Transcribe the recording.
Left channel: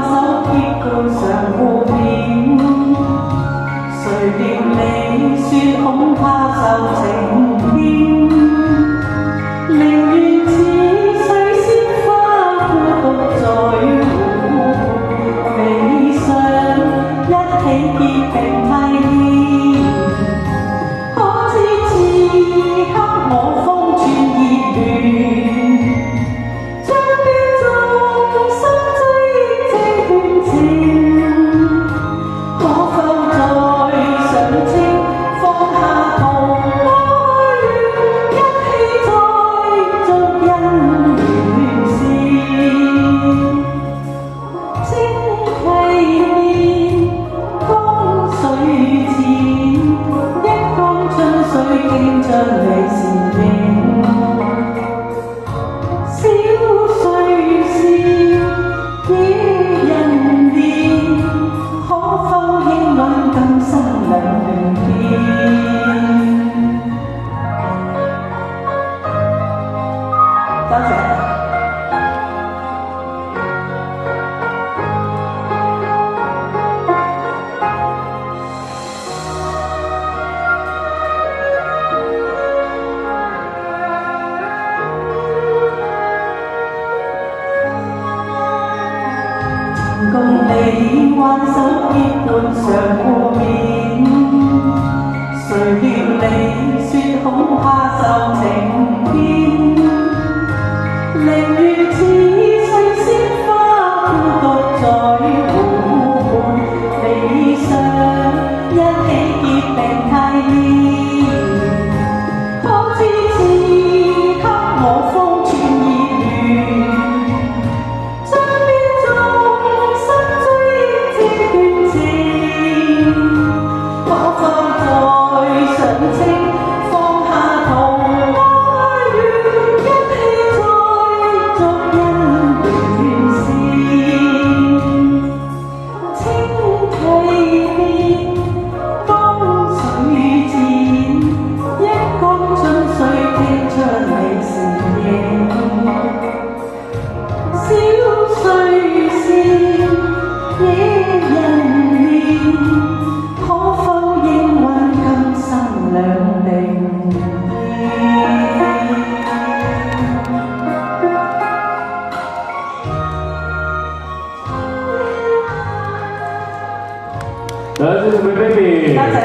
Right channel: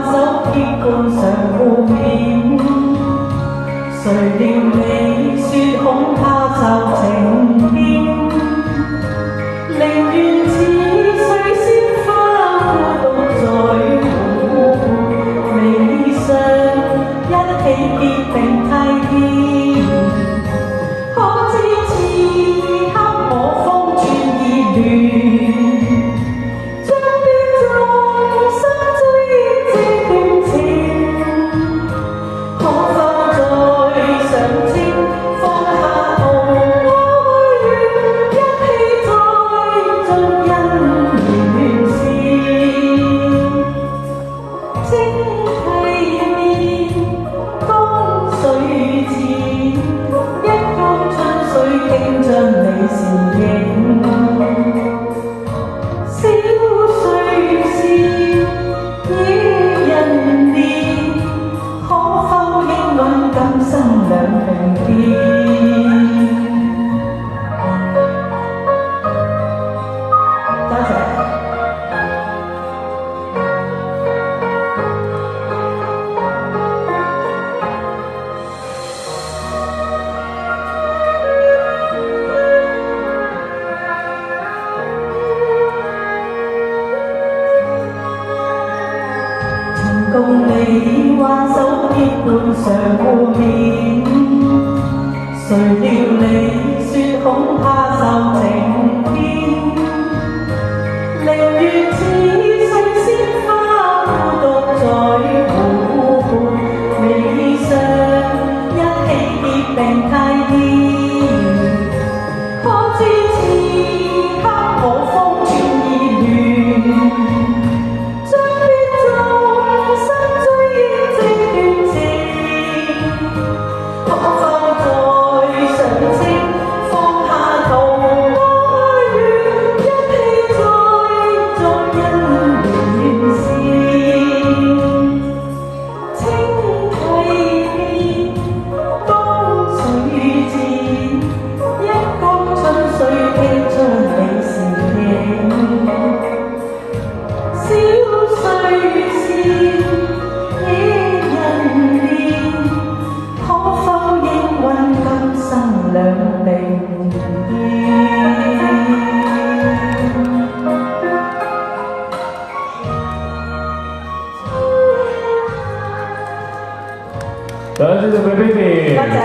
挽手結共常互勉，誰料你說恐怕就情變，寧願似水仙花孤獨在湖畔，未想一起結定契牽，可知此刻我方寸已亂，將於眾生追這段情，可否再想清放下圖哀怨，一起再續姻緣線，清溪邊江水淺，一江春水傾進你倩影，小碎事惹人憐，可否應允今生兩明天？多謝。共你挽手結伴常互勉，誰料你說恐怕受情牽，寧願似水仙花孤獨在湖畔，未想一起結定契牽，可知此刻我方寸已亂，將於眾生追這段情，可否再想清放下圖哀怨，一起再續姻緣線，清溪邊江水淺，一江春水傾出你倩影，小碎事惹人憐，可否應允今生兩定見？多謝各位 baby。